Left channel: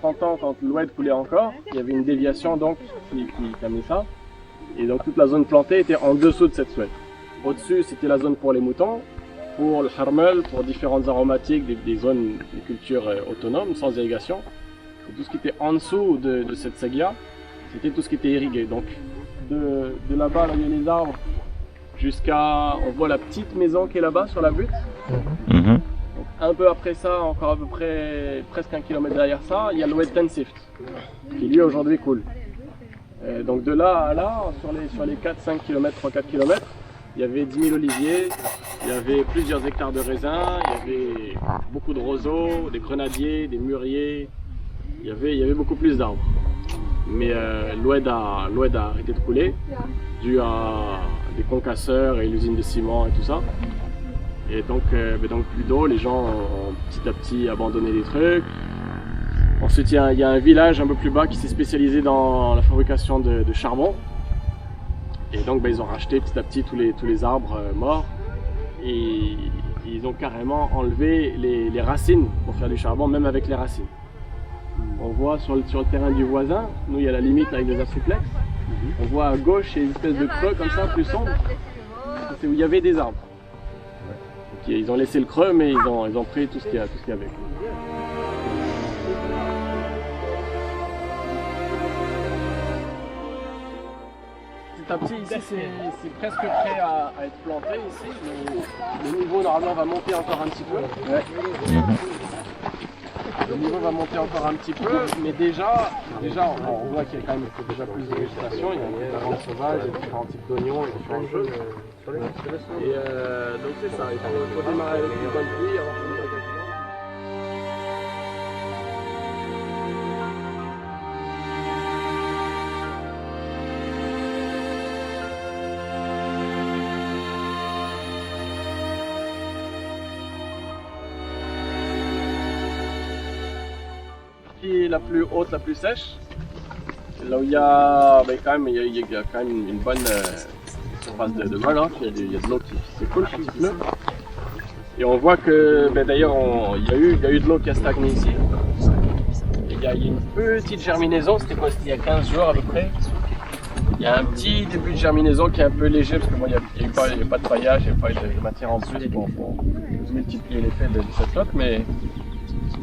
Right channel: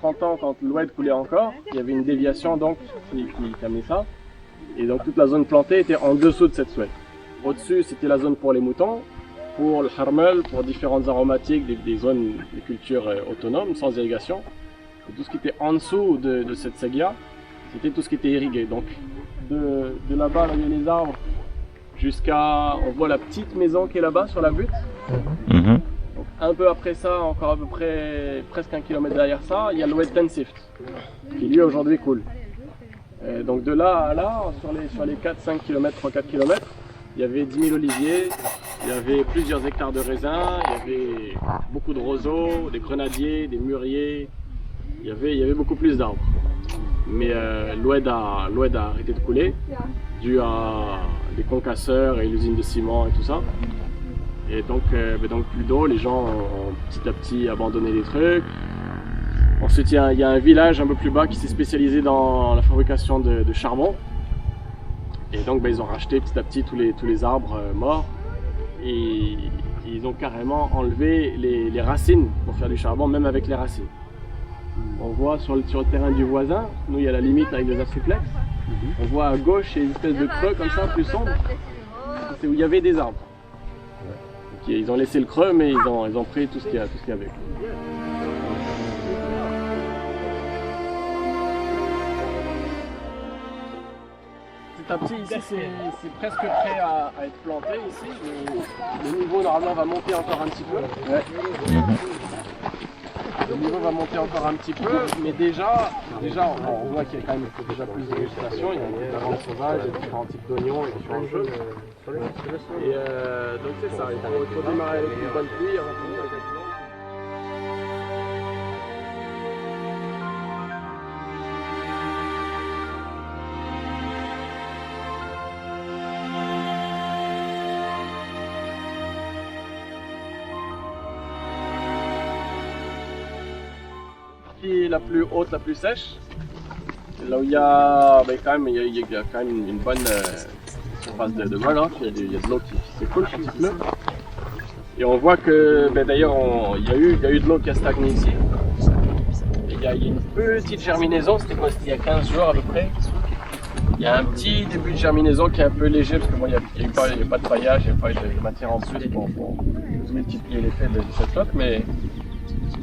30 ans, quand l'Oued coulait encore, il y avait une déviation donc qui amenait ça. Et donc toute la zone plantée était en dessous de cette Soued. Au-dessus, c'était la zone pour les moutons, pour le harmel, pour différentes aromatiques, des zones de culture autonomes, sans irrigation. Et tout ce qui était en dessous de cette Segia, c'était tout ce qui était irrigué. Donc de là-bas, là, il y a les arbres, jusqu'à, on voit la petite maison qui est là-bas sur la butte. Donc, un peu après ça, encore à peu près presque 1 kilomètre derrière ça, il y a l'Oued Tensift, qui lui aujourd'hui coule. Donc de là à là, sur les 4-5 km, 3-4 km, il y avait 10 000 oliviers, il y avait plusieurs hectares de raisins, il y avait beaucoup de roseaux, des grenadiers, des mûriers, il y avait beaucoup plus d'arbres. Mais l'Oued a arrêté de couler, dû à des concasseurs et l'usine de ciment et tout ça. Et donc plus d'eau, les gens ont petit à petit abandonné les trucs. Ensuite, il y a un village un peu plus bas qui s'est spécialisé dans la fabrication de charbon. Et donc, ils ont racheté petit à petit tous les arbres morts. Et ils ont carrément enlevé les racines pour faire du charbon, même avec les racines. On voit sur le terrain du voisin, nous, il y a la limite avec les afriplex. On voit à gauche, il y a une espèce de creux comme ça, plus sombre. C'est où il y avait des arbres. Donc, ils ont laissé le creux, mais ils ont pris tout ce qu'il y avait. Petit à petit, ici, c'est presque prêt à être planté. Ici, le niveau normalement va monter encore un petit peu. Le niveau va monter encore un petit peu, mais déjà on voit qu'il y a quand même déjà plus de végétation. Il y a un peu d'avance sauvage, il y a différents types d'oignons et différentes choses. Et donc c'est ça, il faut démarrer avec une bonne pluie avant de finir avec la pluie. La plus haute, la plus sèche, c'est là où il y a quand même une bonne surface de runoff, il y a de l'eau qui s'écoule quand il pleut. Et on voit que d'ailleurs il y a eu de l'eau qui a stagné ici. Et il y a une petite germinaison, c'était quoi? C'était il y a 15 jours à peu près. Il y a un petit début de germinaison qui est un peu léger parce que moi il n'y a pas de paillage, il n'y a pas de matière en dessous pour multiplier l'effet de cette flotte, mais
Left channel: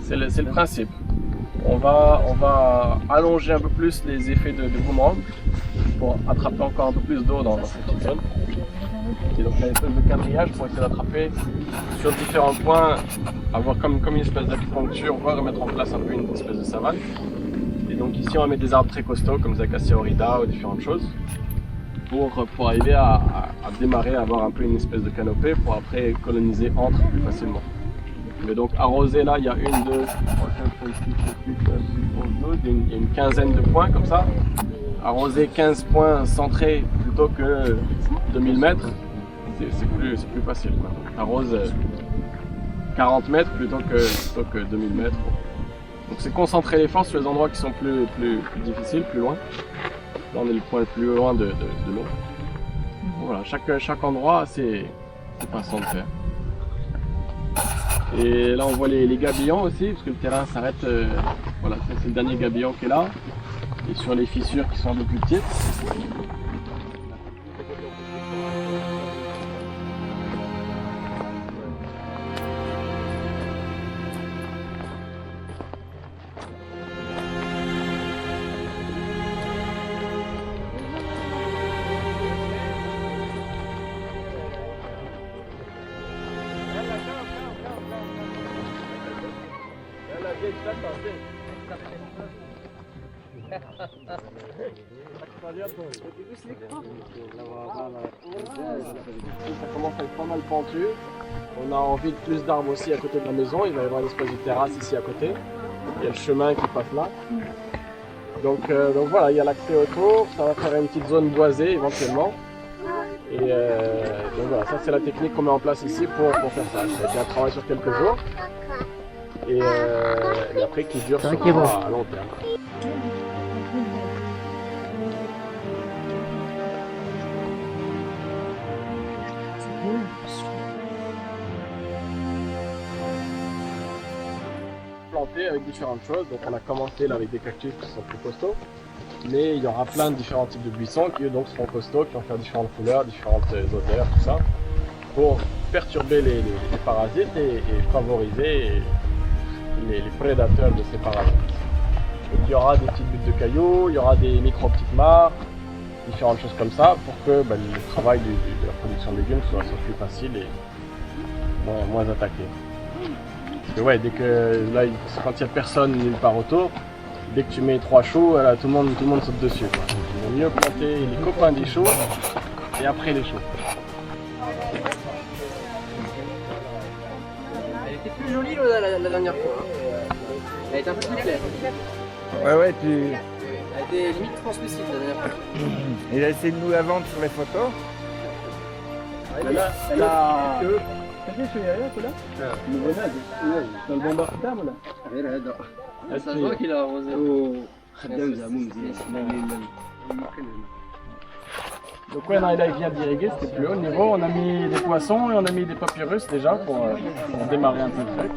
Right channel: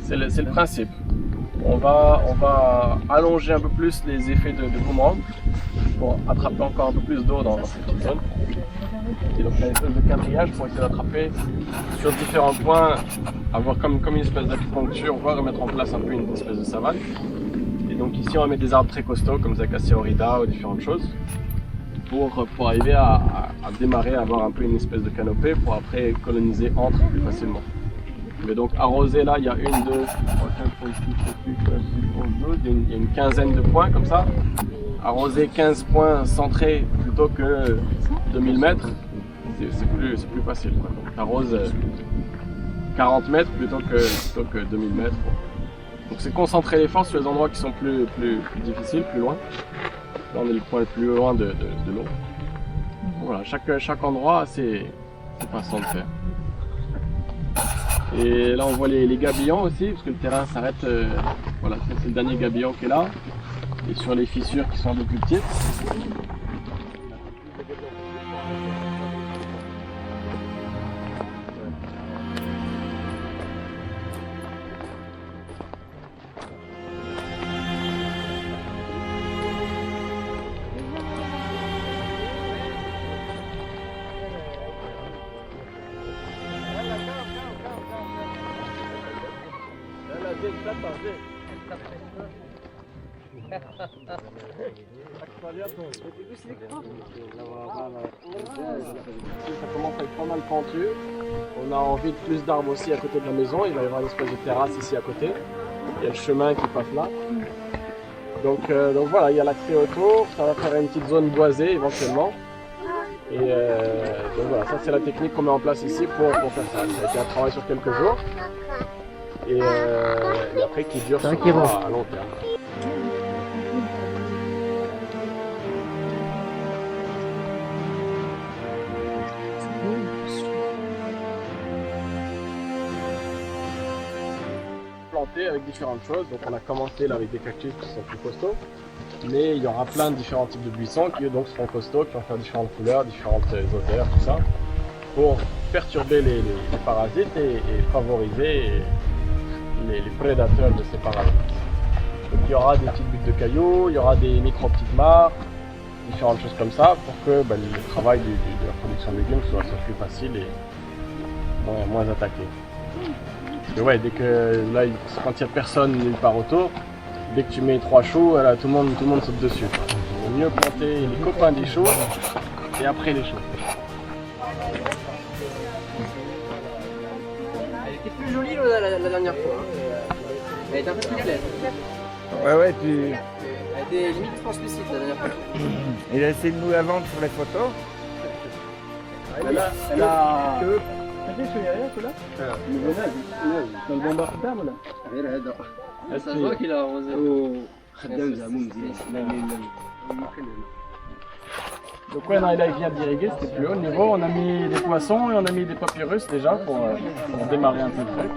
c'est le principe. On va allonger un peu plus les effets de boomerang pour attraper encore un peu plus d'eau dans cette petite zone. Et donc il y a une espèce de quadrillage pour essayer d'attraper sur différents points, avoir comme une espèce d'acupuncture, voire mettre en place un peu une espèce de savane. Et donc ici on va mettre des arbres très costauds comme Acacia orida ou différentes choses pour arriver à démarrer, à avoir un peu une espèce de canopée pour après coloniser entre plus facilement. Mais donc arroser là, il y a 1, 2, 3, 4, 5, 6, 7, 8, 9, 10, 11, 12, il y a une quinzaine de points comme ça. Arroser 15 points centrés plutôt que 2000 mètres, c'est plus facile, quoi. Donc arrose 40 mètres plutôt que 2000 mètres. Donc c'est concentrer les forces sur les endroits qui sont plus difficiles, plus loin. Là on est le point le plus loin de l'eau. Voilà, chaque endroit a ses façons de faire. Et là on voit les gabillons aussi, parce que le terrain s'arrête, voilà, ça c'est le dernier gabillon qui est là, et sur les fissures qui sont un peu plus petites. Ça commence à être pas mal pentu. On a envie de plus d'arbres aussi à côté de la maison. Il va y avoir une espèce de terrasse ici à côté. Il y a le chemin qui passe là. Donc voilà, il y a l'accès autour. Ça va faire une petite zone boisée éventuellement. Et donc voilà, ça c'est la technique qu'on met en place ici pour faire ça. Ça a été un travail sur quelques jours. Et après qui dure sur à long terme. planter avec différentes choses. Donc on a commencé là avec des cactus qui sont plus costauds. Mais il y aura plein de différents types de buissons qui eux donc seront costauds, qui vont faire différentes couleurs, différentes odeurs, tout ça, pour perturber les parasites et favoriser les prédateurs de ces parasites. Donc il y aura des petites buttes de cailloux, il y aura des micro-petites mares, différentes choses comme ça, pour que le travail de la production de légumes soit plus facile et moins attaqué. Parce que ouais, dès que là, quand il n'y a personne nulle part autour, dès que tu mets 3 choux, là, tout le monde saute dessus, quoi. Il vaut mieux planter les copains des choux et après les choux. Elle était plus jolie la dernière fois. Hein. Elle était un peu plus claire. Ouais, Elle était limite translucide la dernière fois. il a essayé de nous la vendre sur les photos. Elle a... كيفاش هي ياك ولا؟ البنادق نعم البومبا خدام ولا؟ غير هذا. هذا كيلا خدام زعما مزيان. Donc ouais, non, là il vient d'irriguer, c'était plus haut niveau. On a mis des poissons et on a mis des papyrus déjà pour démarrer un peu le truc.